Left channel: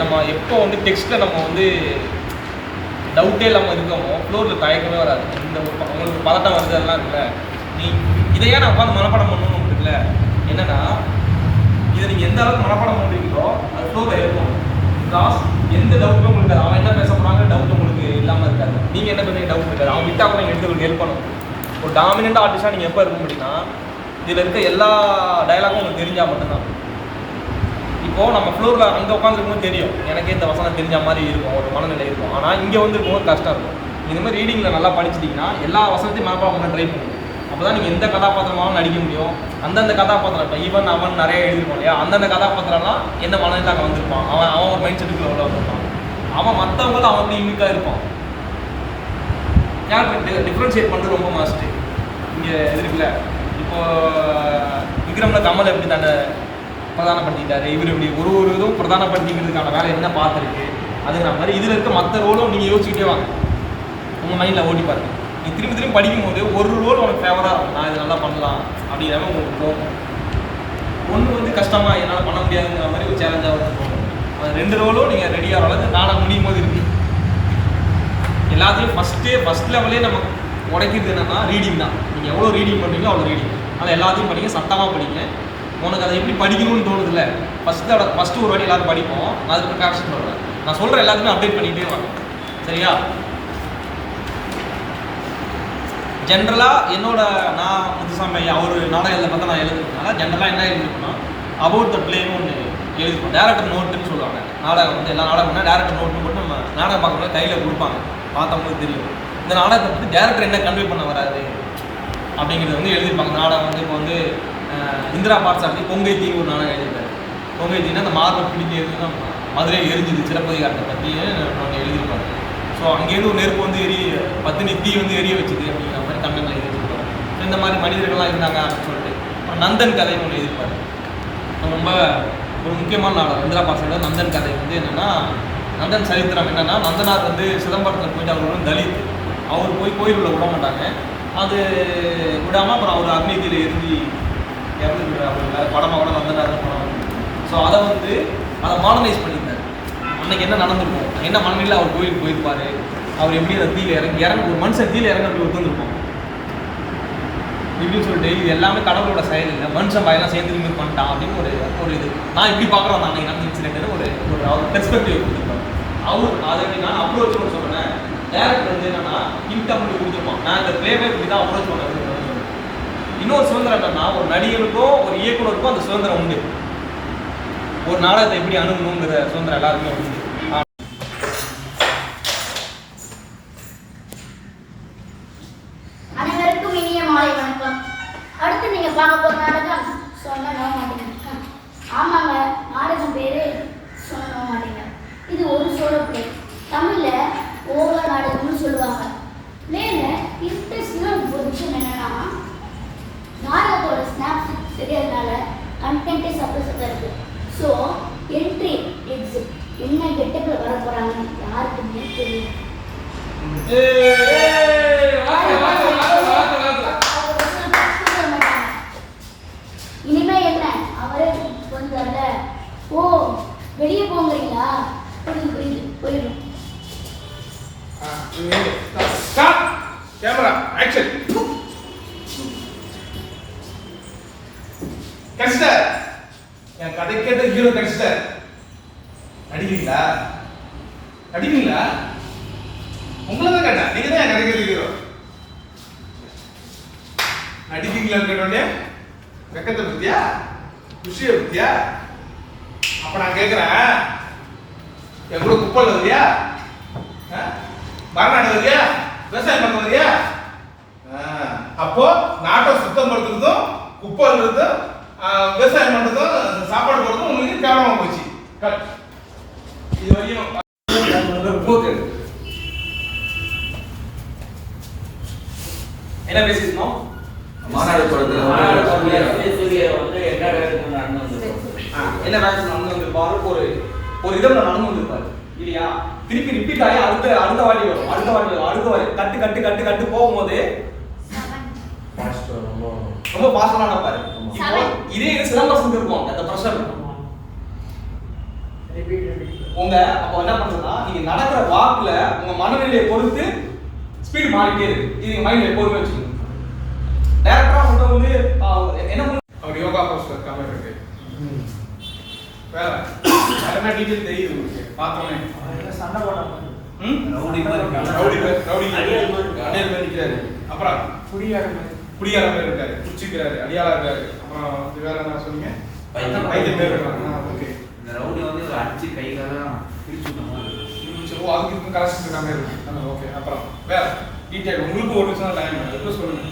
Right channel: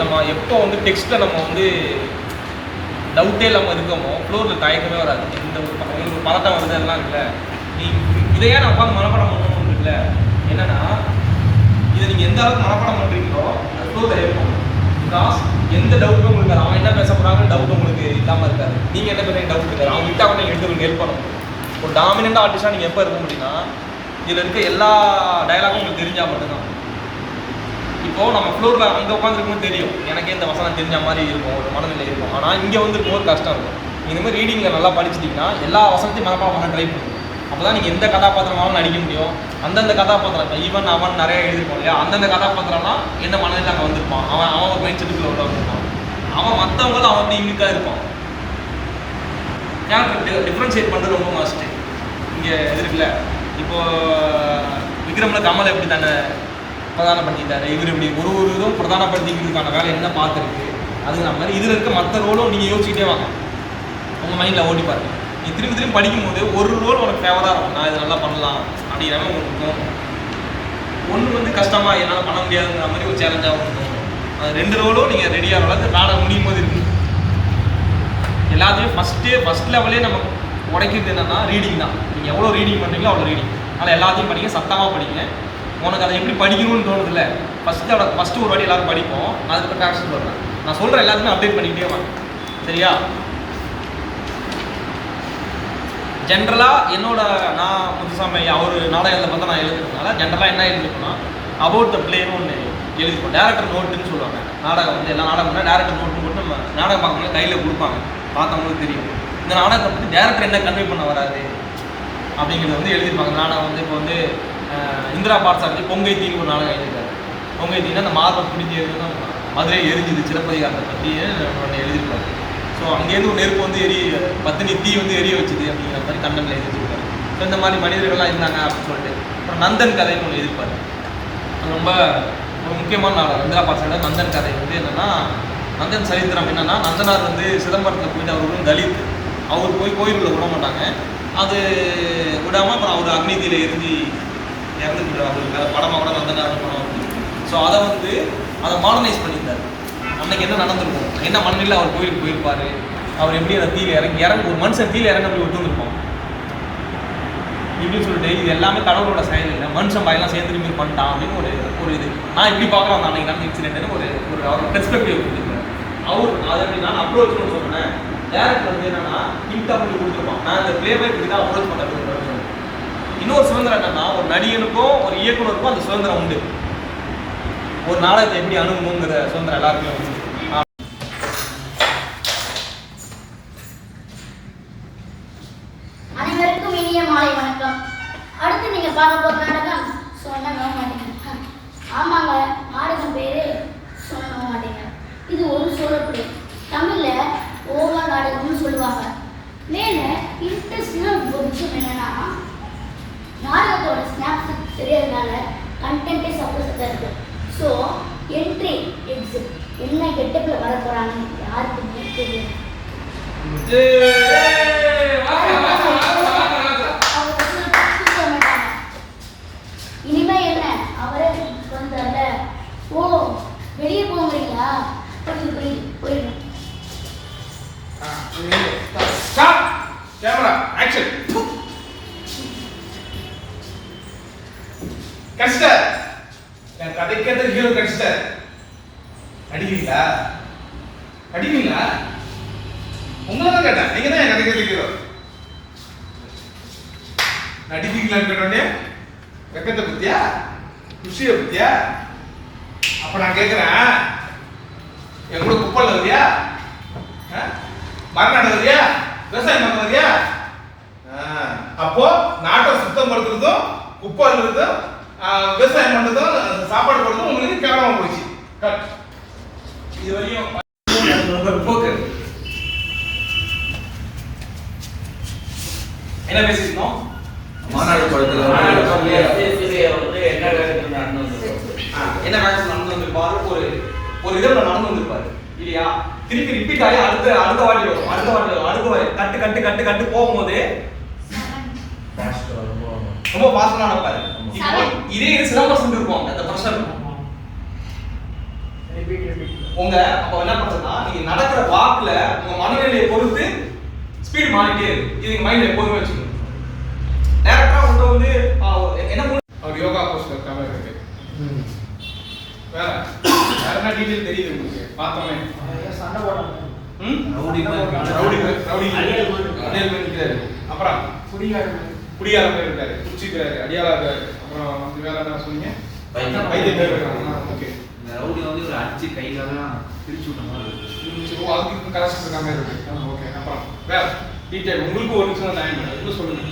நம்ம எப்போ வந்து டெக்ஸ்ட்டில் நம்ம வந்து டவுட்டே இல்லாமல் இருக்கோமோ ஃப்ளோரில் தயக்கமே வராது. இந்த உங்களுக்கு பதட்டம் வந்து எல்லாம் இருக்குல்ல, நீ இதையே நான் உட்காந்து மனப்பாடம் பண்ணணும் இருக்குல்ல, என்னென்னா இதை நீங்கள் எந்த அளவுக்கு மனப்பாடம் பண்ணுறீங்களோ அது ஃப்ளோரில் இருக்கும். பிகாஸ் எந்த டவுட்டும் உங்களுக்கு இருக்காது. அவன் என்ன பேச போகிறாங்க டவுட் உங்களுக்கு இல்லாமல் இருக்காது. நீங்கள் என்ன பேசுறீங்க டவுட் இருக்காது. அவங்க விட்டால் கூட நீங்கள் எடுத்து உங்களுக்கு ஹெல்ப் பண்ணணும். ஒரு டாமினண்ட் ஆர்டிஸ்டாக நீங்கள் எப்போ இருக்க முடியுமா, இதில் இருக்க எல்லா டயலாகும் உங்களுக்கு தெரிஞ்சால் மட்டும்தான். இப்போது நம்ம ஃப்ளோரில் அங்கே உட்காந்துருக்கணும் தெரியும், எனக்கே இந்த வசனம் தெரிஞ்ச மாதிரி இருக்கும், ஒரு மனநிலை இருக்கும். ஆனால் இங்கே வந்து இருக்கும்போது கஷ்டம் இருக்கும். இந்த மாதிரி ரீடிங்கில் நல்லா படிச்சிட்டிங்கன்னா எல்லா வசனத்தையும் மனப்பாடம் பண்ண ட்ரை பண்ணும். அப்போ தான் நீங்கள் எந்த கதாபாத்திரமாகவும் நடிக்க முடியும். அந்தந்த கதாபாத்திரம் இப்போ ஈவன் அவன் நிறைய எழுதிருப்போம் இல்லையா, அந்தந்த கதாபாத்திரம்னா என்ன மனதில் அங்கே வந்திருப்பான், அவன் ஒரு மைண்ட் செட்டுக்குள்ள உள்ள இருப்பான், அவன் மற்றவங்களும் அவன் டீமுக்காக இருப்பான். கேரக்டர் டிஃப்ரென்ஷியேட் பண்ணுறது ரொம்ப மஸ்ட்டு. இங்கே இது இருக்குல்ல, இப்போது விக்ரமில் கமல் எப்படி தானே பிரதானப்படுத்திக்கிட்டாரு, இவர் இப்படி ஒரு இதுவும் பிரதானப்படுத்திக்கிறதுக்கான வேலை என்ன பார்த்துருக்கு. அதுக்கு நம்ம மாதிரி இதில் இருக்க மற்ற ரோலும் நீங்கள் யோசிச்சுட்டே வாங்க, உங்கள் மைண்டில் ஓட்டி பாருங்க. நீ திரும்பி திரும்பி படிக்கும்போது ஒரு ரோல் உனக்கு ஃபேவராக இருக்கும், நான் இதை நல்லா பண்ணலாம் அப்படிங்கிற உங்களுக்கு தோணும். ஒன்று வந்து கஷ்டமாக என்னால் பண்ண முடியாதுங்கிற மாதிரி ஒரு சேலஞ்சாக தோணும். ரெண்டு ரோலும் நீங்கள் ரெடியாக வளர்த்து காண முடியும் போது இருக்கு. எல்லாத்தையும் ஃபஸ்ட் லெவலே நம்ம உடைக்கிறது என்னன்னா ரீடிங் தான். நீங்கள் எவ்வளோ ரீடிங் பண்ணுறீங்களோ அவ்வளோ ரீடிங். அதனால் எல்லாத்தையும் படிங்க, சத்தமாக படிங்க. உனக்கு அதை எப்படி படிக்கணும்னு தோணுது இல்லை, ஃபஸ்ட்டு ஒரு வாட்டி எல்லாரும் படிப்போம், அதுக்கு ப்ராக்டிஸ் சொல்கிறேன். நான் சொல்கிற எல்லாத்துக்குமே அப்டேட் பண்ணிக்கிட்டே வாங்க, சரியா? ஜென்ரலாக நான் முத்துசாமி அவர் நாடகத்தில் பார்த்தா நான் எழுதுறதுனால ஜென்ரலாக என்ன எழுதிருக்குன்னா அபவுட் த பிளேன்னு ஒன்று எழுதிருக்கோம். டேரக்டர் நோட்டுன்னு சொல்லுவாங்க. நாடகம் வந்து எல்லா நாடகம்னா டேரக்டர் நோட்டுன்னு போட்டு நம்ம நாடகம் பார்க்கணும் கையில் கொடுப்பாங்க, பார்த்தவங்களுக்கு தெரியும் இந்த நாடகத்தை பற்றி டேரக்டர் என்ன கன்வே பண்ண வராது அப்படிங்கிறது வந்து எழுதியிருப்பாங்க. நாடகம் வந்து இப்போ வந்து இந்திரா பார்சாரதி பொங்கை தீன்னு ஒரு நாடகம் எழுதியிருக்காரு. பொங்கை தீனா அந்த மார்பை பிடிச்சி எழுதுனா மதுரை எரிஞ்சுது சிலப்பதிகாரத்தை பற்றி ஒன்று எழுதியிருக்காரு. ஸோ அங்கேருந்து ஒரு நெருப்பு வந்து பத்தினி தீ வந்து எரிய வச்சுது அப்படிங்கிற மாதிரி கண்டென்ட்ல எழுதியிருக்காரு. இந்த மாதிரி மனிதர்கள்லாம் இருந்தாங்க அப்படின்னு சொல்லிட்டு அப்புறம் நந்தன் கதைன்னு ஒன்று எழுதியிருப்பாரு. ரொம்ப ஒரு முக்கியமான நாவல் இந்திரா பார்சாரதி. நந்தன் கதை வந்து என்னென்னா, நந்தன் சரித்திரம் என்னென்னா, நந்தனார் வந்து சிதம்பரத்தில் போயிட்டு அவர் வந்து தலித், அவர் போய் கோயிலுக்குள்ள விட மாட்டாங்க. அது விடாமல் அப்புறம் அவர் அக்னிதியில் இறந்துருக்காரு. அவருக்கு படமாக கூட நந்தனார்னு படம் வந்து. ஸோ அதை மாடர்னைஸ் பண்ணியிருந்தார். அன்றைக்கி என்ன நடந்திருக்கும், என்ன மண்ணில் அவர் கோயிலுக்கு போயிருப்பார், அவர் எப்படி அந்த தீயில் இறங்கி ஒரு மனுஷன் தீயில் இறங்க அப்படி ஒத்துருப்போம் இப்படின்னு சொல்லிட்டு இது எல்லாமே கடவுளோட செயல் இல்லை, மனுஷன் பயங்கரம் சேர்ந்து ரிமூவ் பண்ணிட்டான் அப்படின்னு ஒரு இது. நான் இப்படி பார்க்குறேன் அந்த அன்றைக்கி நடந்த இன்சிடென்ட்னு ஒரு பெர்ஸ்பெக்டிவ் கொடுத்துருப்பேன். அவர் நான் அப்ரோச் பண்ண சொல்கிறேன். டேரக்டர் வந்து என்னன்னா ஹிண்ட் அப்படி கொடுத்துருப்பான், நான் இந்த பிளேபை இப்படி தான் அப்ரோச் பண்ணுறது. இன்னொரு சுதந்திரம் என்னன்னா, ஒரு நடிகருக்கும் ஒரு இயக்குனருக்கும் அந்த சுதந்திரம் உண்டு. ஒரு நாடகத்தை எப்படி அணுகணுங்கிற சுதந்திரம் எல்லாருக்குமே உண்டு. அனைவருக்கும் இனிய மாலை வணக்கம். அடுத்து நீங்க பார்க்க போற நாடகம் சொன்ன மாட்டீங்க. ஆமாங்க, நாடகம் பேரு சொன்ன மாட்டீங்க. இது ஒரு சோழ பிளே. தமிழ்ல ஓகா நாடகம்னு சொல்லுவாங்க. பிளேல இன்ட்ரெஸ்ட்னா ஒரு விஷயம் என்னன்னா, நாடகத்தோட ஸ்னாப்ஸ் தெரியறதுனால கண்டென்ட்டே சப்போர்ட் இருக்கு. ஸோ என்ட்ரி எக்ஸிட் என்ன கெட்டப்பில் வர போகிறாங்கன்னு யாருக்குமே தெரியும். இனிமே என்ன அவரே சொந்தல்ல. ஓ வெளியே போகிறீங்களா? புரியுது போயிடும். Camera action. கஷ்டர் என் கதை கேட்ட ஹீரோ கஷ்டர். அடிக்கிறீங்களா? உங்களை தான் கேட்டேன், நீங்க தான் என் கதை கேட்ட ஹீரோ. நடிப்பீங்களான்னு கேட்டோடனே வெக்கத்தை பத்தியா குஷியை பத்தியா? அப்ப நான் கேட்கிறேன், என் கூட குப்பல் வரியா, மரணம் வரியா, விவசாயம் பண்ண வரியா? அப்போ நாட்டை சுத்தம் படுத்துறதும் குப்பை இருக்கிறதும் விவசாயம் பண்றதும் சாப்பாடு போடுறதும் உங்களுக்கு கேவலமா போச்சு. இது வரையும் போக்கு என்ன பேசிருந்தோம்? மாநாடு படத்துல என்ன நடந்து வந்திருப்பாரு, ஒரு இடம் நடந்து வந்திருப்பாரு இல்லையா? திருப்பி ரிப்பீட் ஆகி அடுத்த வாட்டி வரும். கட்டு போகும்போது ரொம்ப பாசமா நடப்பாரு. இதே சிலம்பரம் இருக்கும் அந்த ப்ரெஷர் உங்க அப்போ என்ன பண்றதுன்னா நீங்க நடக்கிற வாக்குல உங்க மனநிலையை பொறுத்து ஸ்பீட் மாறிட்டே இருக்கு. இது நீங்க மைண்ட்ல எப்போதுமே வச்சுக்கணும். டைரக்டா உங்கள்கிட்ட வந்து என்ன அவர் யோகா போஸ்டர் இருக்காம இருக்கு. வேற என்ன டீட்டெயில் தெரியுது உங்களுக்கு பார்த்தோன்னே? சண்டை போடாம ரவுடி அடியாள் நிற்கிறாரு. அப்புறம் குடியார பேர் இருக்காரு, குடிச்சிக்கிறாரு, அடியாளா இருக்காரு. அப்புறம் வேற என்ன சொன்னீங்க? வைத்தியம் பேர் இருக்காங்க. ஓகே. இந்த ரவுடி வந்து ஒரு அடிச்சு கைகளெல்லாம் பிரிச்சு விட்ட மாதிரி இருக்கு. அதுக்கு கலெக்ஷன் இருக்காம இருக்கு. ஓகே. அப்புறம் வேற டீட்டெயில் உங்களுக்கு ஒரு நிமிஷம் டைம் சொல்லுங்க.